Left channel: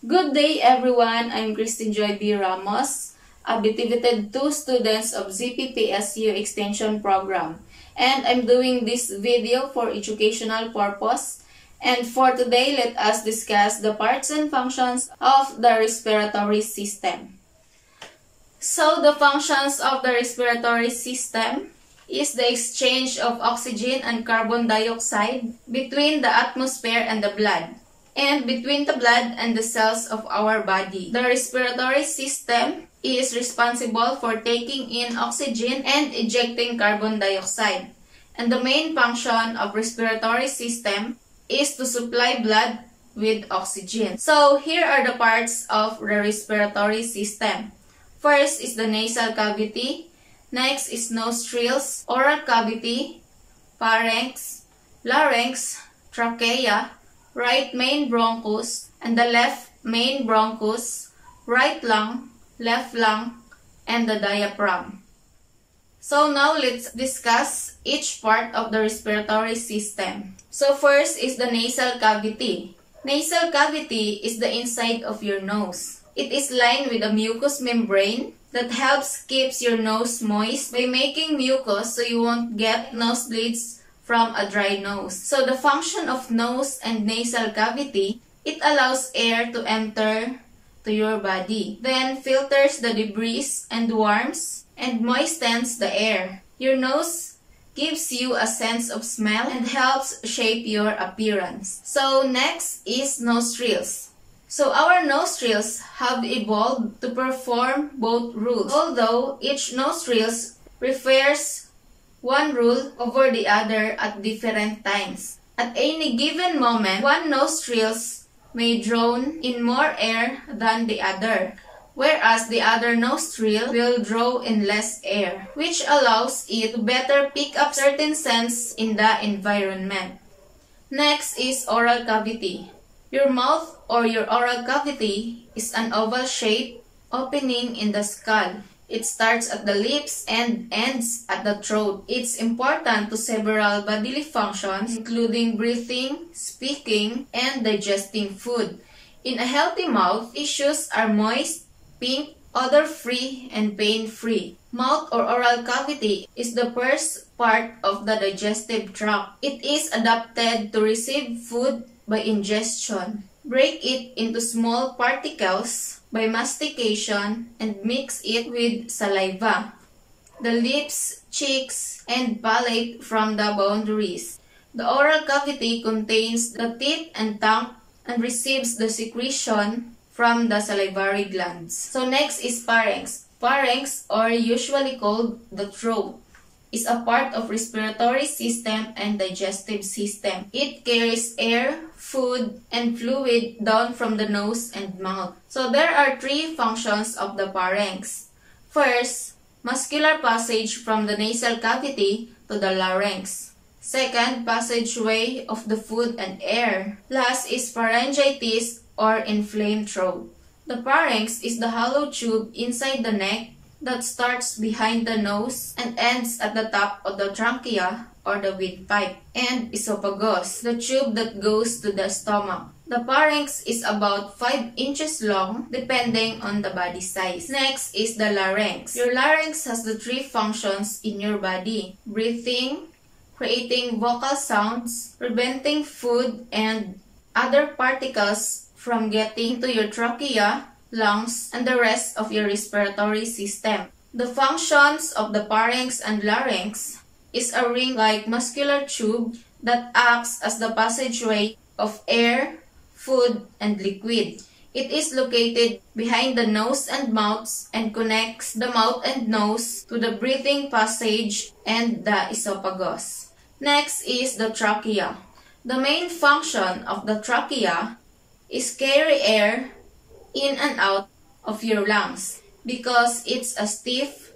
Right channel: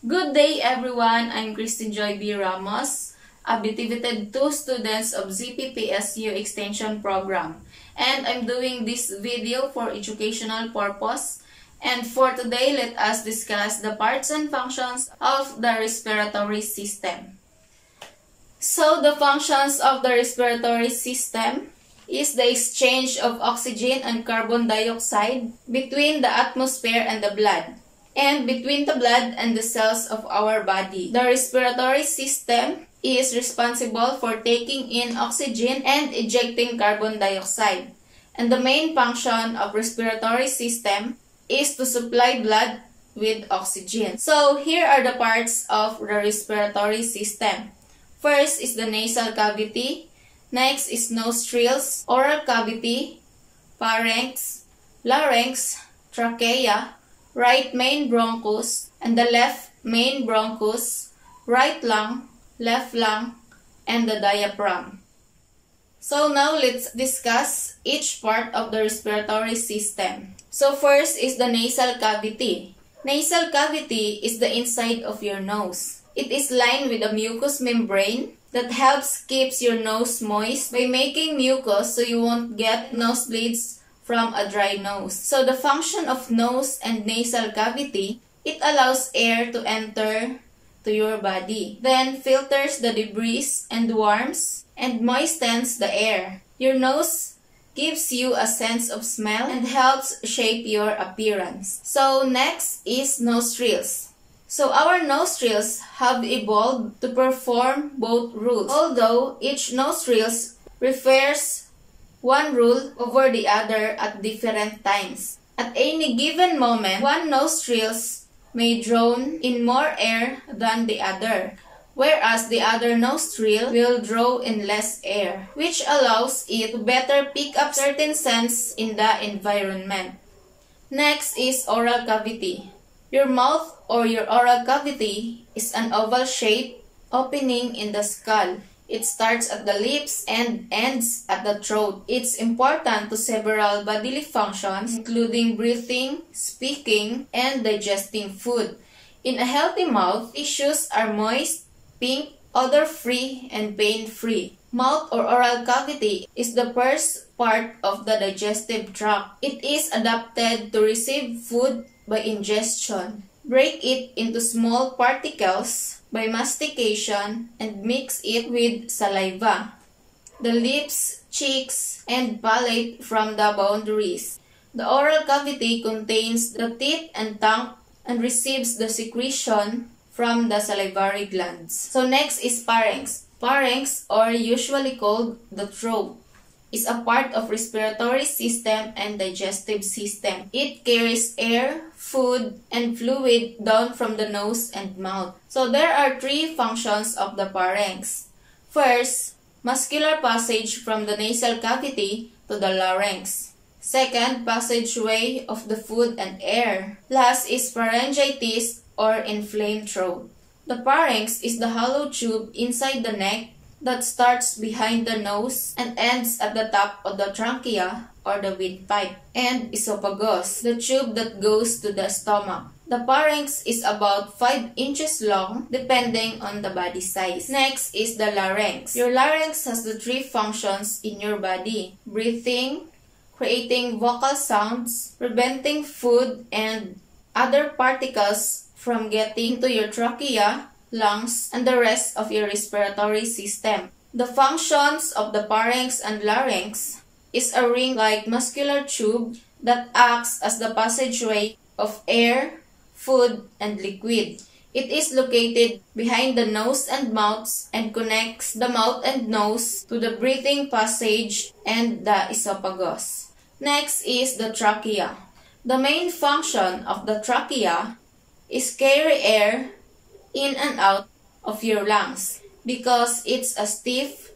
Good day everyone, I'm Christine Joy B. Ramos, a Bitivited 2 students of ZPPSU Extension Program. And I'm doing this video for educational purpose. And for today, let us discuss the parts and functions of the respiratory system. So the functions of the respiratory system is the exchange of oxygen and carbon dioxide between the atmosphere and the blood, and between the blood and the cells of our body. The respiratory system is responsible for taking in oxygen and ejecting carbon dioxide. And the main function of respiratory system is to supply blood with oxygen. So here are the parts of the respiratory system. First is the nasal cavity. Next is nostrils, oral cavity, pharynx, larynx, trachea, right main bronchus, and the left main bronchus, right lung, left lung, and the diaphragm. So now let's discuss each part of the respiratory system. So first is the nasal cavity. Nasal cavity is the inside of your nose. It is lined with a mucous membrane that helps keeps your nose moist by making mucus so you won't get nosebleeds from a dry nose. So the function of nose and nasal cavity, it allows air to enter to your body, then filters the debris and warms and moistens the air. Your nose gives you a sense of smell and helps shape your appearance. So next is nostrils. So our nostrils have evolved to perform both rules, although each nostrils refers one rule over the other at different times. At any given moment, one nostrils may draw in more air than the other, whereas the other nostril will draw in less air, which allows it to better pick up certain scents in the environment. Next is oral cavity. Your mouth or your oral cavity is an oval shape opening in the skull. It starts at the lips and ends at the throat. It's important to several bodily functions, including breathing, speaking, and digesting food. In a healthy mouth, tissues are moist, pink, odor-free, and pain-free. Mouth or oral cavity is the first part of the digestive tract. It is adapted to receive food by ingestion, break it into small particles by mastication, and mix it with saliva, the lips, cheeks, and palate from the boundaries. The oral cavity contains the teeth and tongue and receives the secretion from the salivary glands. So next is pharynx. Pharynx, or usually called the throat, is a part of respiratory system and digestive system. It carries air, food, and fluid down from the nose and mouth. So there are three functions of the pharynx. First, muscular passage from the nasal cavity to the larynx. Second, passageway of the food and air. Last is pharyngitis or inflamed throat. The pharynx is the hollow tube inside the neck that starts behind the nose and ends at the top of the trachea or the windpipe, and esophagus, the tube that goes to the stomach. The pharynx is about 5 inches long depending on the body size. Next is the larynx. Your larynx has the three functions in your body: breathing, creating vocal sounds, preventing food and other particles from getting to your trachea, lungs, and the rest of your respiratory system. The functions of the pharynx and larynx is a ring-like muscular tube that acts as the passageway of air, food, and liquid. It is located behind the nose and mouth and connects the mouth and nose to the breathing passage and the esophagus. Next is the trachea. The main function of the trachea is carry air in and out of your lungs. Because it's a stiff,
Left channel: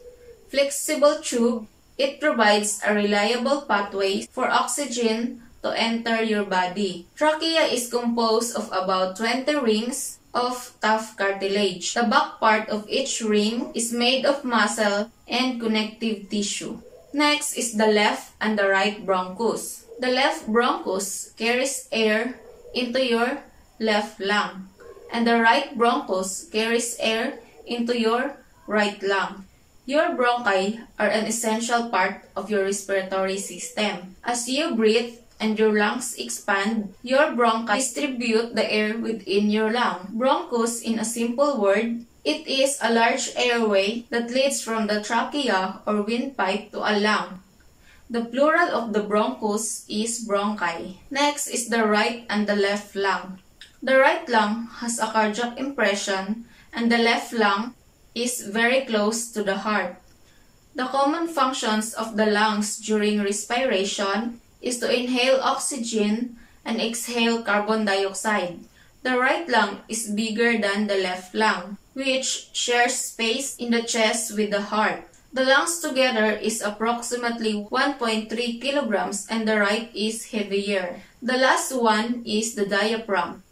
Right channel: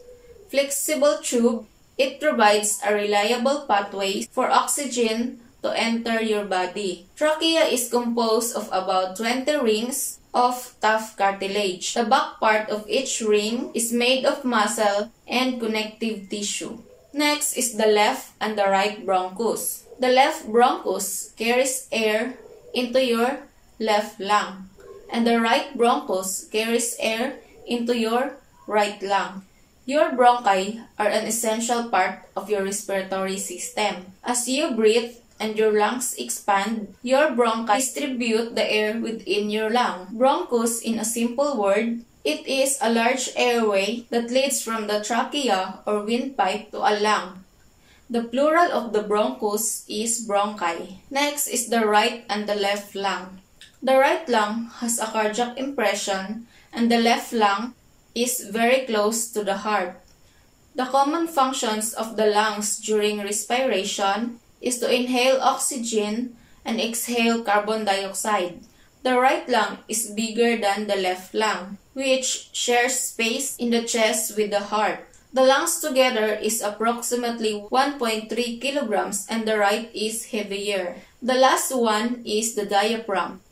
flexible tube, it provides a reliable pathway for oxygen to enter your body. Trachea is composed of about 20 rings of tough cartilage. The back part of each ring is made of muscle and connective tissue. Next is the left and the right bronchus. The left bronchus carries air into your left lung, and the right bronchus carries air into your right lung. Your bronchi are an essential part of your respiratory system. As you breathe and your lungs expand, your bronchi distribute the air within your lung. Bronchus, in a simple word, it is a large airway that leads from the trachea or windpipe to a lung. The plural of the bronchus is bronchi. Next is the right and the left lung. The right lung has a cardiac impression and the left lung is very close to the heart. The common functions of the lungs during respiration is to inhale oxygen and exhale carbon dioxide. The right lung is bigger than the left lung, which shares space in the chest with the heart. The lungs together is approximately 1.3 kilograms and the right is heavier. The last one is the diaphragm.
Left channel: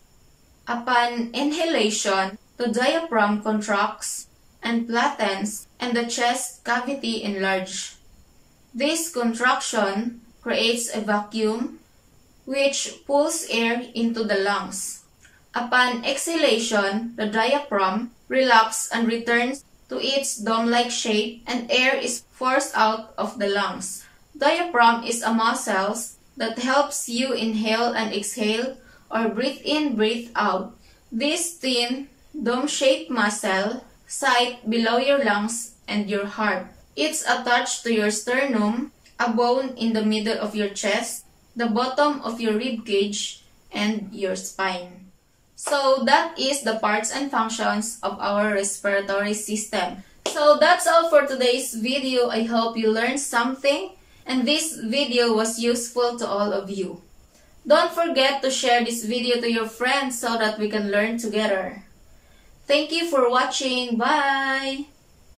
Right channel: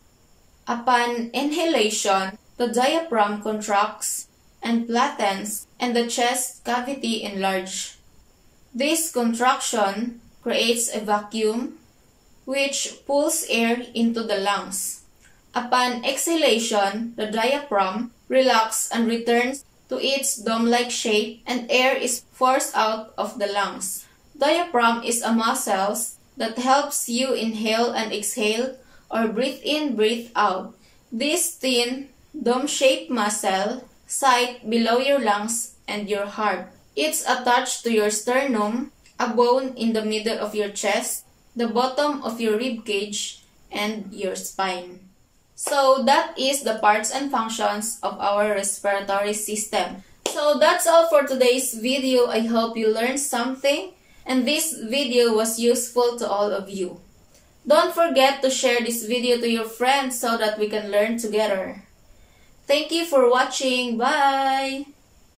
Upon inhalation, the diaphragm contracts and flattens and the chest cavity enlarges. This contraction creates a vacuum which pulls air into the lungs. Upon exhalation, the diaphragm relaxes and returns to its dome-like shape and air is forced out of the lungs. Diaphragm is a muscle that helps you inhale and exhale or breathe in, breathe out. This thin, dome-shaped muscle sits below your lungs and your heart. It's attached to your sternum, a bone in the middle of your chest, the bottom of your rib cage, and your spine. So that is the parts and functions of our respiratory system. So that's all for today's video. I hope you learned something and this video was useful to all of you. Don't forget to share this video to your friends so that we can learn together. Thank you for watching. Bye!